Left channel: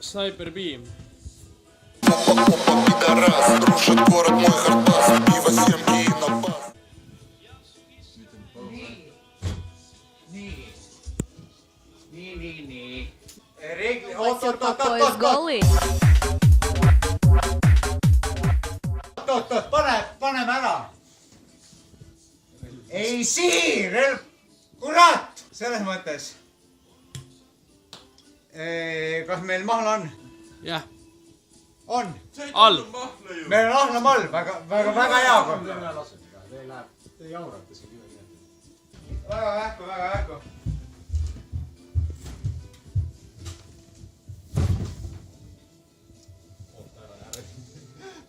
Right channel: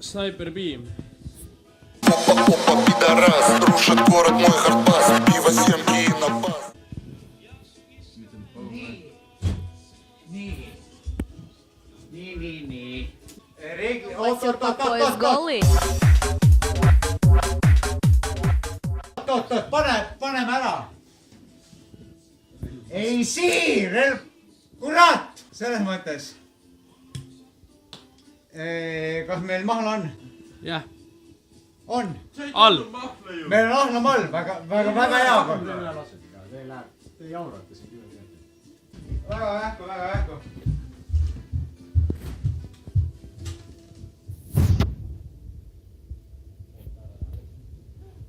Снайпер Бим. Опа, пидорас, рушит город мой хардбас. Пиво, семки и напас. Nii. Pois goli. Oot, paneme ära. Ei siir, kurat, selles mõttes. Kas meil mahl on? Jah. On. All. Meil on ahnamall, väga hea. Väga vähku.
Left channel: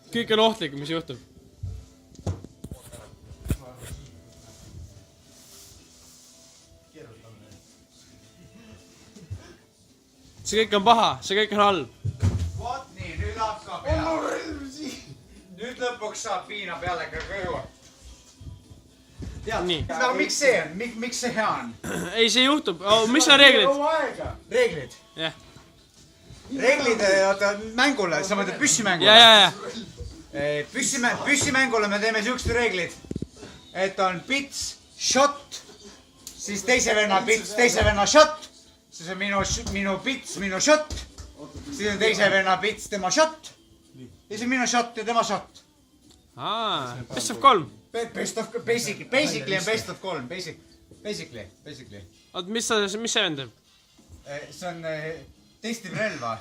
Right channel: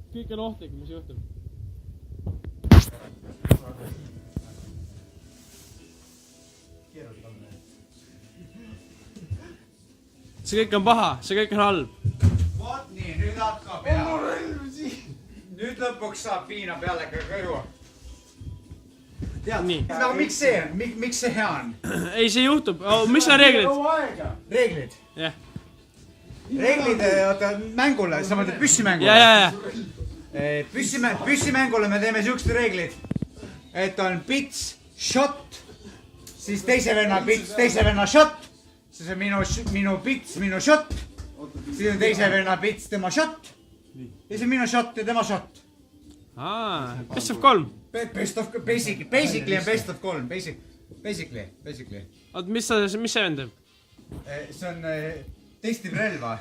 Kõik on ohtlik, mis juhtub. See kõik on paha, see kõik on halb. Vot nii, nüüd hakkab peale. Nüüd lõpuks saab viina peale ka kõju. Nii. Aga miks see on? Miks see hea on? Ei, see juhtub. Mis on reeglid? Reeglid? Jah. Reeglid, oota, mängule, sa mõtled püssimängule? Ja. Püssimängule me teeme siuksed reeglid, et on pits, shot, siis teise venna pits, teise venna shot, siis on minu pits, minu shot, siis on teise venna pits, tema shot, ja siis on minu shot ja tema shot. Best of 3. Basically on best of 3, basically. Oot, mis see vendab? See on, testib relva.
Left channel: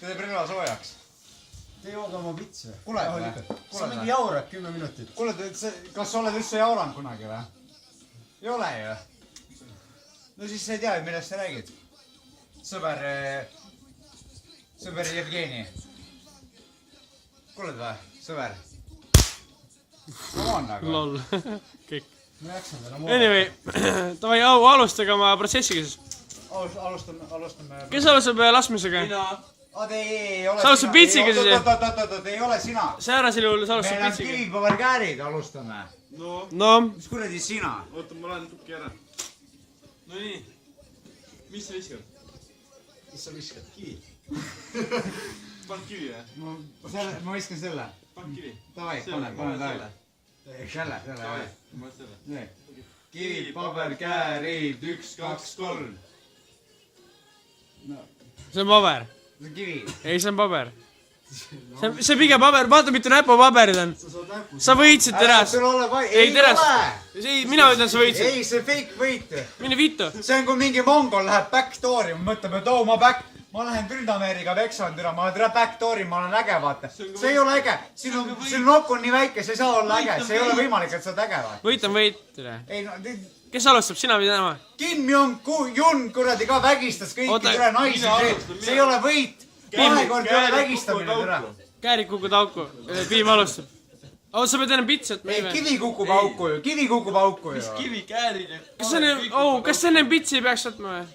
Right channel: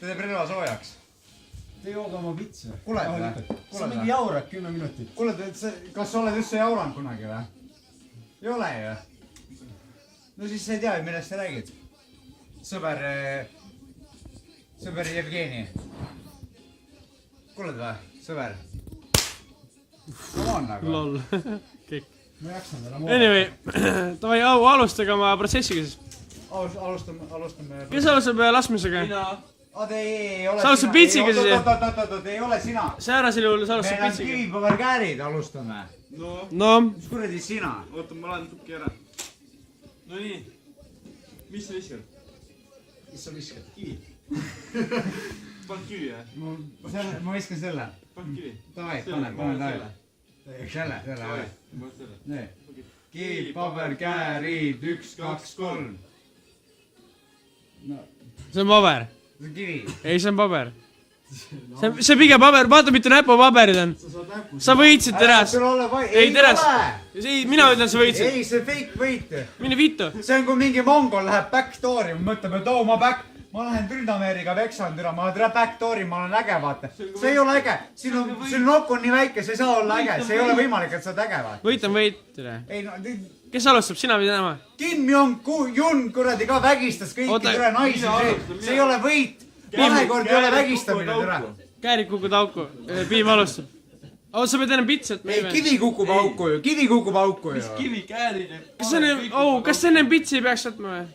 Ta teeb relva soojaks. Te jooga oma pitse. Kuule, see mingi jaurab 10 minutit. Kuule, kas sa oled üldse jauranud kunagi või? Ei ole ju. No siis sa ei tea, millest sa räägid. Sõber Jevgeni. Kuuled või? Sõber. Come on nagu. Lol. Kõik. Ma jaksan täna Anyway, davai, alustage oma protsessiga siis. Alustame. Kes alustab laskmisega? Ei ole Sa alustab pitsiga siis? Oot, ei ole sina. Säärasel juhul sa alustab Meil on pitsiga. kivipõverkäärid, alustame. No. Mis kuradi sina? Oota, ma lähen tukki ära. No nii. Mis sa viskad? Mis sa viskad? Kivi. Pann kivi või? Ma viskan selle. Pann kivi. Davai, pane talle. Selle. Ma selle. Nii. Kivi, paber, käärid, 1, 2, 3. See on paber. See on kivi. Ei, see on paber. See on pigem paber, vaata mitu näpupaberid on. Sa võitsid teras. Ei teras. Mina ütlen, sa võitsid. Ei, see fake võit. Mine vittu. See on, kui mingi mongol läheb backdoori, mõtleb, et ma lähen Tründameeriga veksan, ma lähen backdoori, ma olen äge, vaata. See ei ole äge. Sinu nokk on nii väike, see ei saa olla äge. See ei ole võimalik, et sa oled äge, vaata. Võit on võit. Ei, no... Kes alustab, sina või tema? Kim Jong-un kuradi ka vägistas kõiki türe naisi. See ei ole võit. Vahekord ei ole vägistamine türe. Käärid kukud auku. Piim alustab. Sa pead enam pitsi, et me ei Kivi kukub auku ju. Kivi kukub auku ju. Mis kivi käärid? Kas enne pitsi ei peaks võtma või?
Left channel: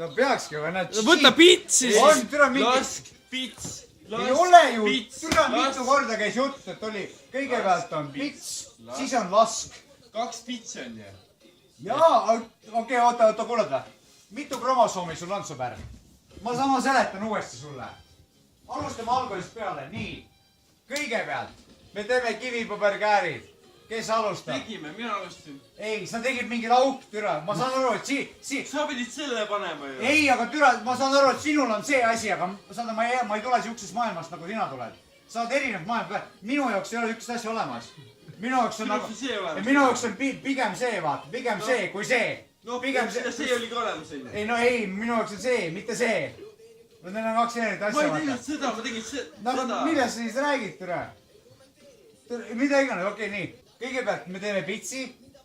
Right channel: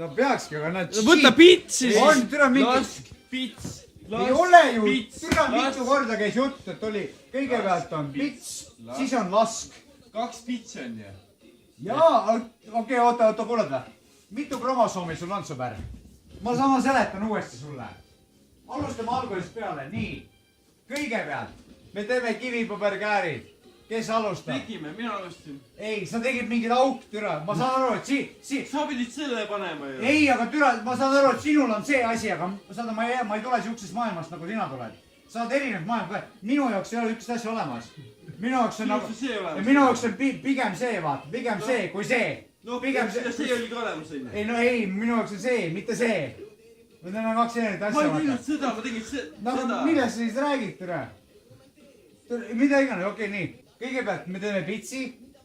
No peakski, aga nad... Võta pitsi siis. On, türa mingi... Lask, pits. Ei ole ju. Türa mitu korda käis jutt, et oli... Kõigepealt on pits, siis on lask. 2 pitsi on ju. Jaa, okei, oota, kuuled või? Mitu kromosoomi sul on, sõber? Ma seletan uuesti sulle. Alustame algusest peale, nii. Kõigepealt, me teeme kivipõberkäärid. Kes alustab? Tegime, mina alustan. Ei, sa tegid mingid auk, türa. Ma saan aru, et Sa pidid selle panema ju. Ei, aga türa, ma saan aru, et sinul on see asi, aga saada, ma ei tule siuksest maailmast, nagu sina tuled. Sa oled erinev maailm. Minu jaoks ei ole ükst asja olemas. Minu jaoks on nagu... Minu jaoks on pigem see, vaata. Pigem see, kui see. No, see oli ka olemas enne. Ei, no ei, minu jaoks on see, mitte see. Need on 2 erinevat asja, vaata. Ma ei teinud seda, ma tegin seda. Millest sa siis räägid, türa? Mida iganes, okei, nii. Kõigepealt me teeme pitsi,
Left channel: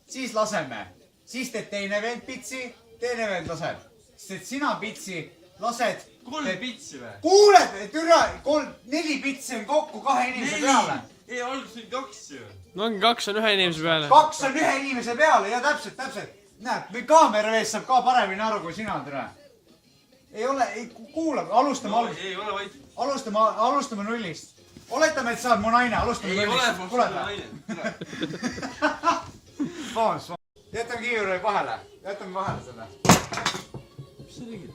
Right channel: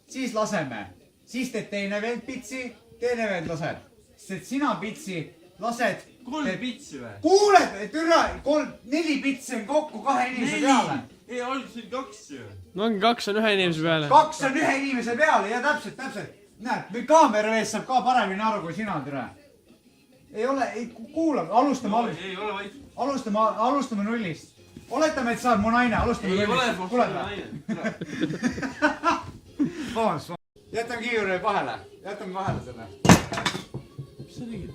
siis laseme. Siis teed teine vend pitsi, teine vend laseb. Sest sina pitsi lased... 3 pitsi või? Kuuled, türa, 4 pitsi on kokku 2 inimese peale. Ei, alguses oli 2 ju. No ongi 2 on 1 inimese peale. 2 on 1 inimese peale, ja täpselt. Näed, või kaamera ees saab ka paremini aru kui sina, türa. Ei ole, kuula, alustame algust. Ei ole vaid. Alustame nullist. Oletame, et sa oled mu naine, alustame nullist. Kuuled või? Jätame kiivri vahele selle. Mis sa tegid?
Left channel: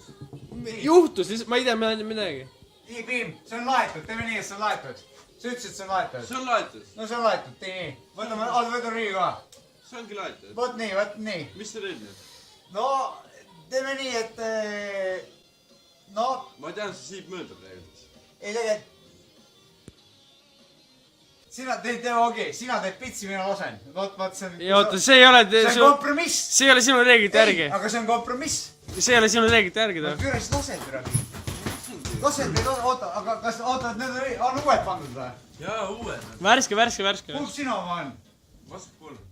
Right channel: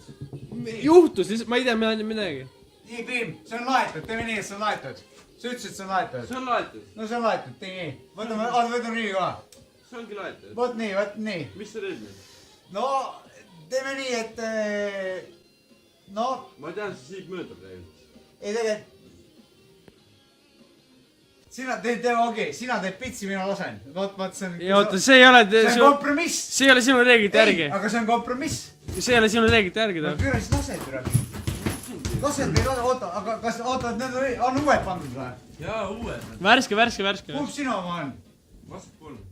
juhtus lihtsalt , ma ei tea midagi . nii , Piim , see on laetud , teeme nii , et see on laetud . sa ütlesid , et see on laetud . see on laetud . no see on laetud , tee nii . võtame riigi ka . see ongi laetud . vot nii , vot nii . mis see teeb nüüd ? no teeme nii , et no ma tean , see siib mööda praegu . ei tegelikult . sina teed , okei , sina teed pitsi , mina lasen . vot see on . ja oota , see ei ole , see on kompromiss . see ei ole sinu reeglite järgi . aga see on kompromiss . see ei ole sinu reeglite järgi no ta . küll siis lased üle . lased või oota , aga kas , oota , need on uued pandud või ? jaa , uued . värske . kumb sinu oma on ? vasakpoolne .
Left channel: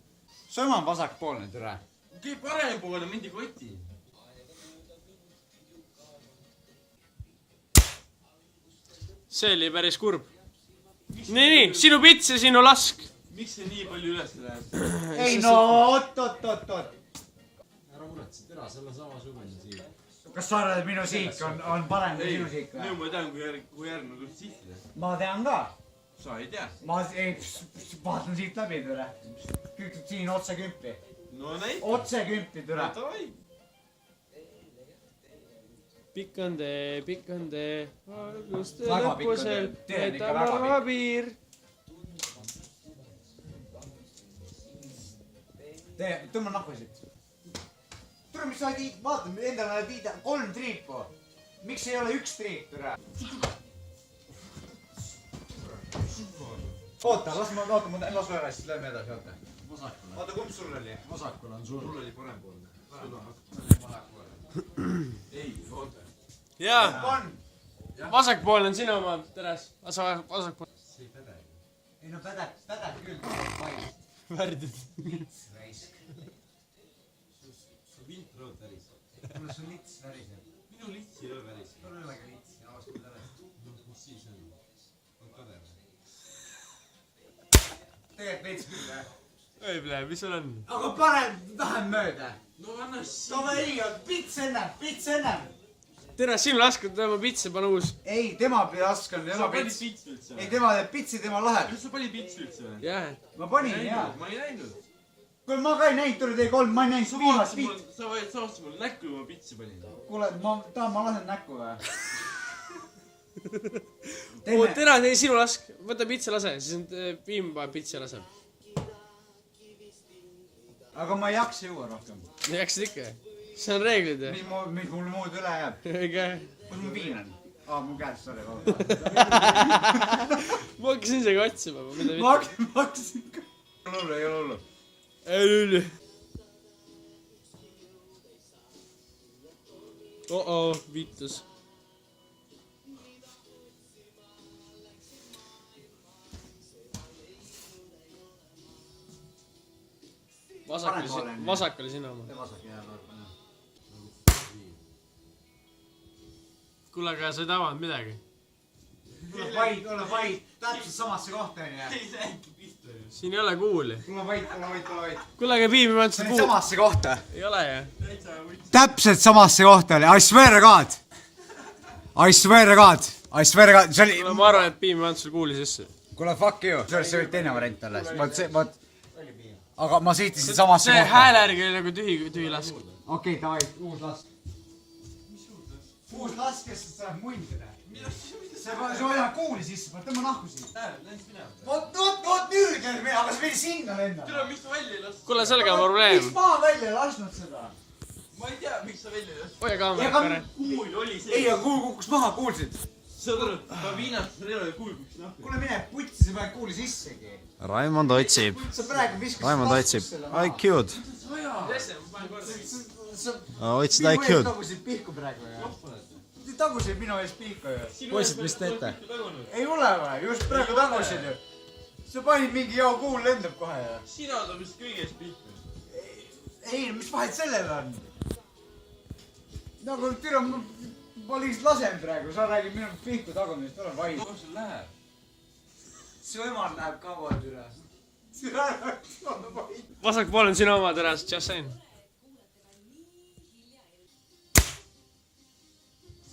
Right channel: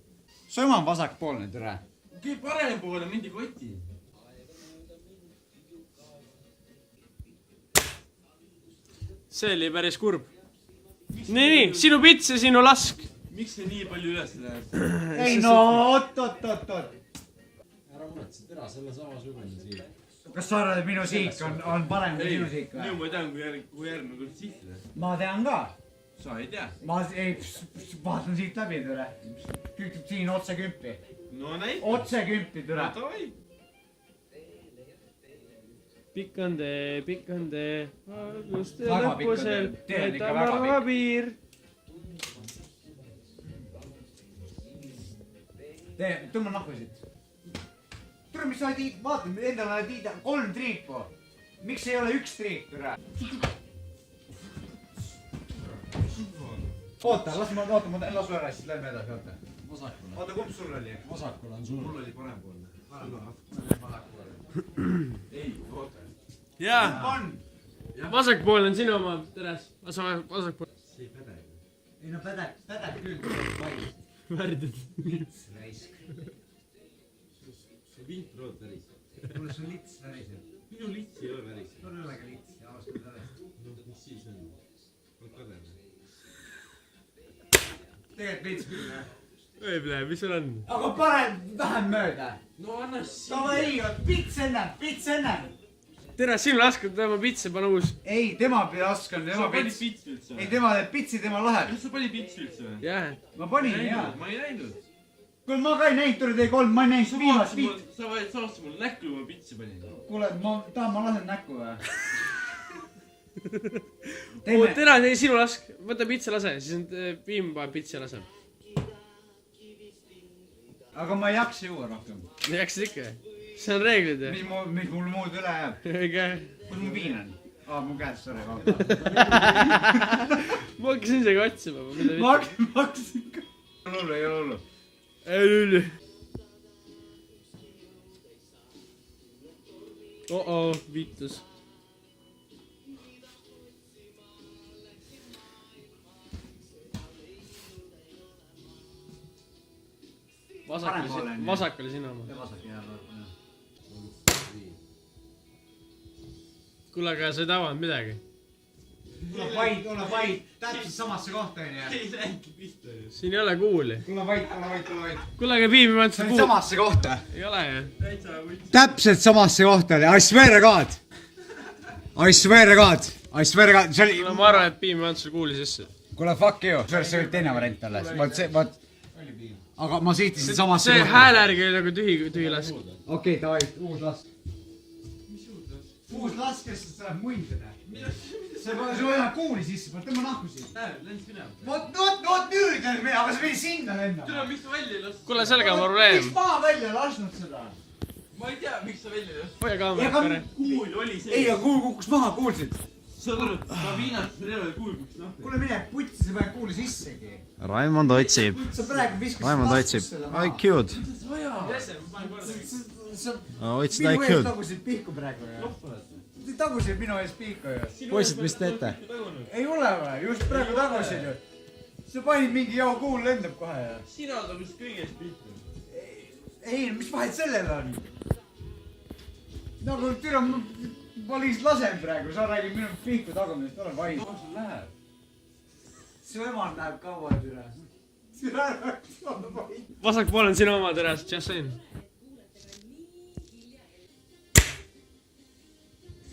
su ema on vasakpoolne , türa . okei , parempoolne mindi koti . see oli päris kurb . nii , sinu pits ja sinu lask . miks see nii palju üles läheb ? ei no oot . ära muretse , tere , selle samasugune siin . kas sa arvad , et minu siik on parem kui sinu siik või ? ma tean , kui järgmine kord sihtida . ma tean ka . sa ei tea . ma ei , vaatan siit läbi , türa . siin otse kümpi . no näita . otse kümpi , türa . davai . pikk on tee , valguste Väga pikk on lõpusel , tee. Tee on ikka võtab väga arva piir . tee , tõmba nahku siit . türa , mis sa tiid , vaata , endale tiida 3 triipu . miks ei ole 1 triip , türa ? oota , las ma ära , siis lähme edasi , oota . vasakule . oota , kumb sul oli ? vasakule on sul . mul oli parempoolne . ei , oota . jaa , on . vasakpoolne on sinu oma , Teres . vasakpoolne . ei no pädeb küll . värdid . see vint rood väriseb . mulle see lits väriseb . minu lits ei ole väriseb . mul ei olegi lits , ausalt öeldes . mis siis on ? on kader . tegelikult veits küll , jah . ei plee , mis sul on ? aga pane vähem mööda . no anna siia . davai , pits ennem . Teres , sinu laskad tema pitsi , pane uus . ei , tema laskan , sa tema panid pits . pitsi üldse ei , või ? tema teeb pitsi , tema läheb . kas sa panid pitsi üldse või ? jah . ma panin , jaa . ma ei näinud . kuule , ma ka ei näinud , tuli tee 3 , ma ei näinud viimast pitsi . sa vaatasid mul näkku , kui ma pitsi panin . kuule , ma lasen näkku või ? oot , Teres , ei sinu lask , võta pitsi , lase , siis on Piim paneb pitsi ja laseb . aga ma ei jaksa juua rohkem . jaksid ikka ? see on reeglid ju . mis mul muud üle jääb ? ega , kus mu viin on ? aa , mu käes , sorry , ma hakkasin isegi otsima , mida ma hakkasin ka . ei ole hullu . mitte . oh-oh , viitus . vasak oli sinu oma . vasak jääb . kuule , aga sa ei tabanud midagi . ole vait , täpselt samasse kohta onju . ei läinudki pihta ju . siin ei ole kuuli . ole vait . kuule , aga Piim ei pannud seda kuuli . samasse kohta . ei ole ju . täitsa võttis . täpselt samasse kohta oli , I swear to god . I swear to god , see oli . no ma arvan , et Piim ei pannud seda kuuli sisse . kuule , fuck you . see oli teine variant alles , vot . aga ma siitisin samasse see hääle järgi oli nagu tühi lask . okei , davai , uus lask . uus lask , kes sa läheb mundile . sa hoiad kuuli sisse , tõmba nahku siit . läks minema . vot nüüd , aga sa pidid sinna lendama . tule , miks sa välja ei lasknud ? kuule , sellega on probleem miks . ma välja lasknud seda ? ma ei tea , miks sa välja ei lasknud . hoia kaamerat pere . kuul oli see . ei , aga kuul kukkus maha , kuulsid ? saad aru , et ma viinates relva kuul kukkus nahku . kuule mine putsi , sa paned kuuli sissegi . Raimond otsib , sa praegu viskasid . Raimond otsib IQ-d . otsid minu ees IQ-d . tagusid pihku praegu ju . tagusid minu ees pihku ju . poisid , mis teete ? ei ole või , just praegu tagusid ju . sa panid mingi joo kuul lendab kohe ju . sina oled vist kõigest pihta . ei , mis vahet sellel on ? nagu türa , ma lihtsalt lasen praegu , sa räägid minu pihku tagumisest , ole vaid . kuidas sul läheb ? su emal läheb kaua türa . ole vaid . vasakpool on sinu oma , Teres , just saying .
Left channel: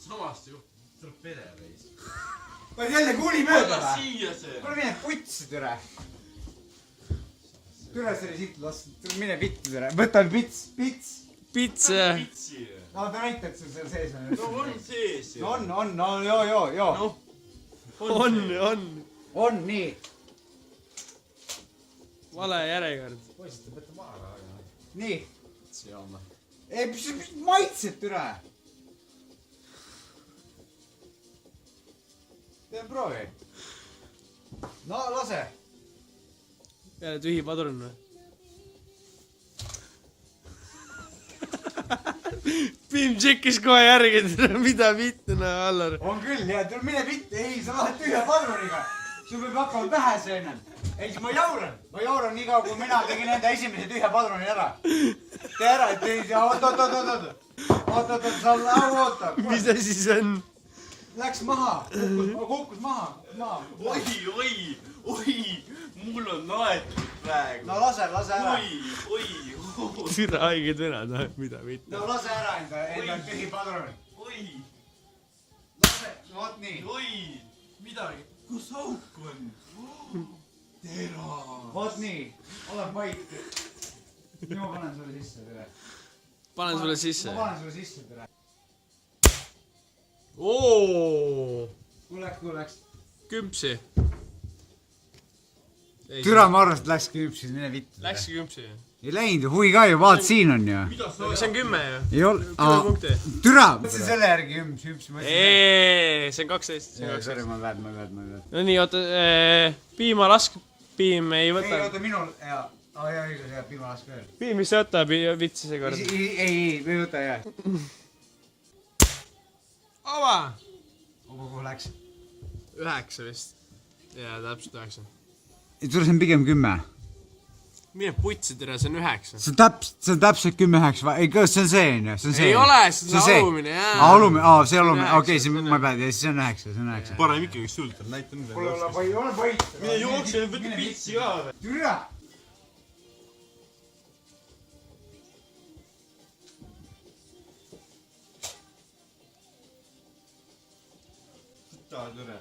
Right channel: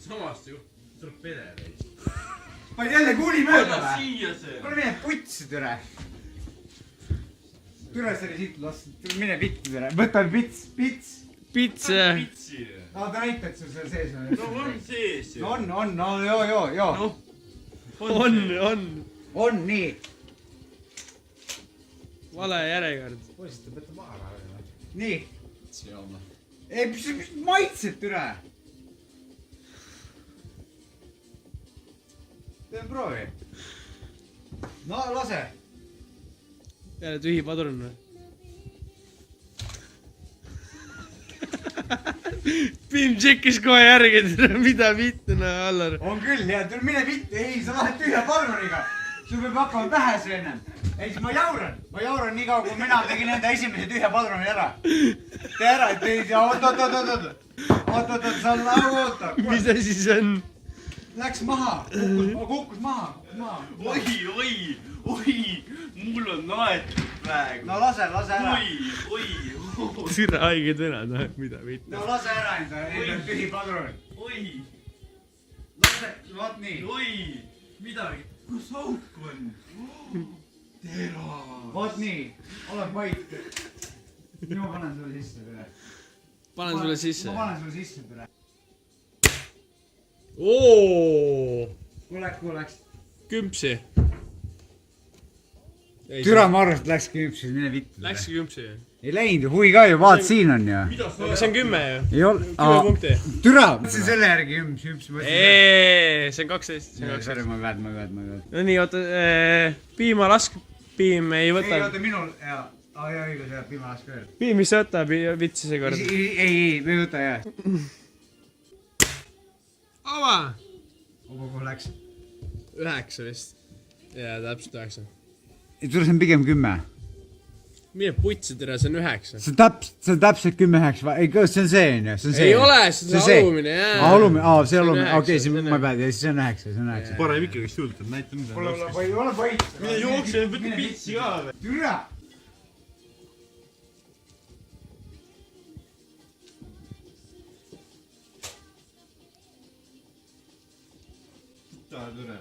samast ju , tuleb pere täis . panid jälle kuuli mööda anna või ? siia see . kuule mine putsi türa . türa , see oli siit las , mine pitti türa , võta pits . pits , pitsi . no ta näitad sul seal sees on. no on sees ju. On, no joo. On nii. vale järjekord . poisid , te peate maha lähema . Nii. seama . Ei , mis maitsed türa? Teen proovi. No lase . jälle tühi padrun või ? Piim tšekkis kohe järgi , mida vittu , no Allar . On küll ja mine vitt , ei sa lähed tühja padruniga . sul peab hakkama pähe see ennem . ei , siis ma jauran nii kaua , kui mina tegin enda esimese tühja padruni ära . tee ära , et ei saa , oot , sa oota . mis asi see on ? Läks maha , kukkus maha . oi , mul on naetud praegu . no lase ära . süda haiged venad , mida vittu . no lase ära enda tühi padrun . oi , lase , vot nii . oi , midagi , kus auk on ? tera . vot nii , ole vait . ma panen sulle sisse tere . panen sulle sisse ma . panen sulle sisse tere . oo , kuuleks . küpsi . türa , ma arvan , et läks küpsis , mine vittu . Läkski küpsi . ei läinud ju , huvi ka ju , vaat siin on ju . see on 10 ju . ei ol- 10 punkti . türa , mõtlesin selle järgi hüps . see on 12 , see on 12 . sorry , ma pead . no nii , oota , piima lask , piim ei ei , võta . oota , minul , jaa , õigus , jah , piimalask veel . piim vist võtab vitsi seekord . ei , me ei võta , jah . ava . kuhu läks ? 9 vist . jaa , täpselt 9 . sul on pigem 10 . mine putsi tere , see on 9 . see on täpselt 10-9 , ei , see on see on ju , see on see . ei ole , see on alumine , jaa . alumine , see alumine , üheksa, okei , see on ma ei pea , siis on 9 , see on 9 . parem ikkagi sult on , näita mida laskis . ole vait . mine jookse , võta pitsi ka või ? türa . tahad üle ?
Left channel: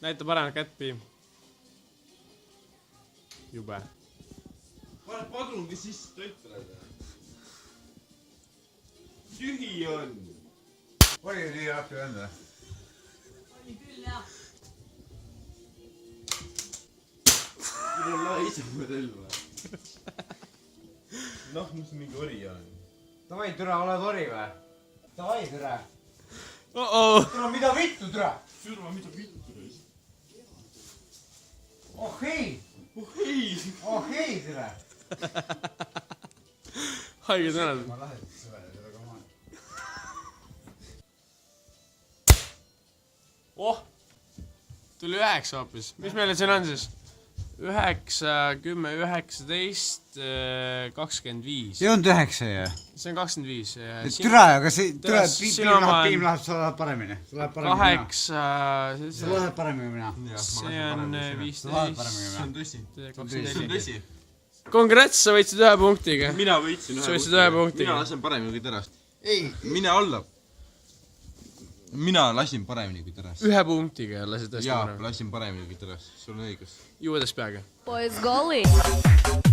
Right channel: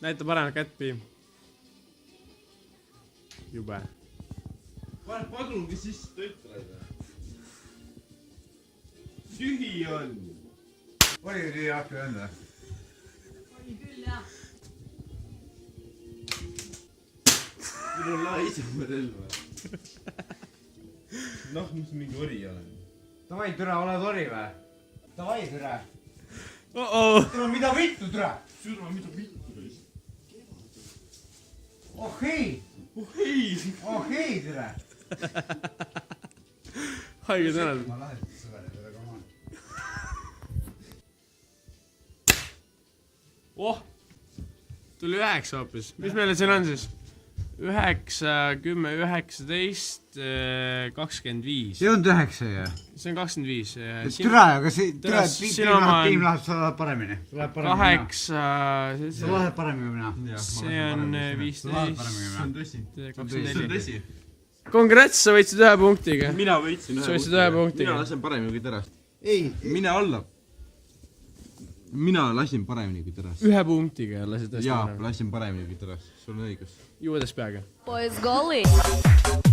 näita paremat kätt , piim . jube . pane padrungi sisse , töötad . tühi on . oli ju nii aktu enda . sul on laisema relva . noh , mis mingi ori on . Davai , türa , ole tori või ? Davai , türa . oh-oh . türa , mida vittu , türa ? türa , mida vittu reis . oh ei , oh ei , türa . haiged venad . ma lasen seda , ka ma . oh , tuli 9 hoopis . mis meile siin on siis ? 9, 10, 19, 25 . see on 9 ju . see on 25 . türa , aga see , Türa, sinu oma on- piim läheb , sa lähed paremini . sa lähed paremini . 8 , sa lähed paremini kui mina . see on sa lähed 15 paremini , kui mina . tõsi . 24 . Congrats , sa võitsid 1 punktiga . mina võitsin sa võitsid 1 punktiga . mina lasen paremini kui terast . ei , mine alla . mina lasin paremini kui terast . 1 punktiga lasid tõesti jaa , parem . lasin paremini kui terast , sul on õigus . juudes peaga . Поиск голый.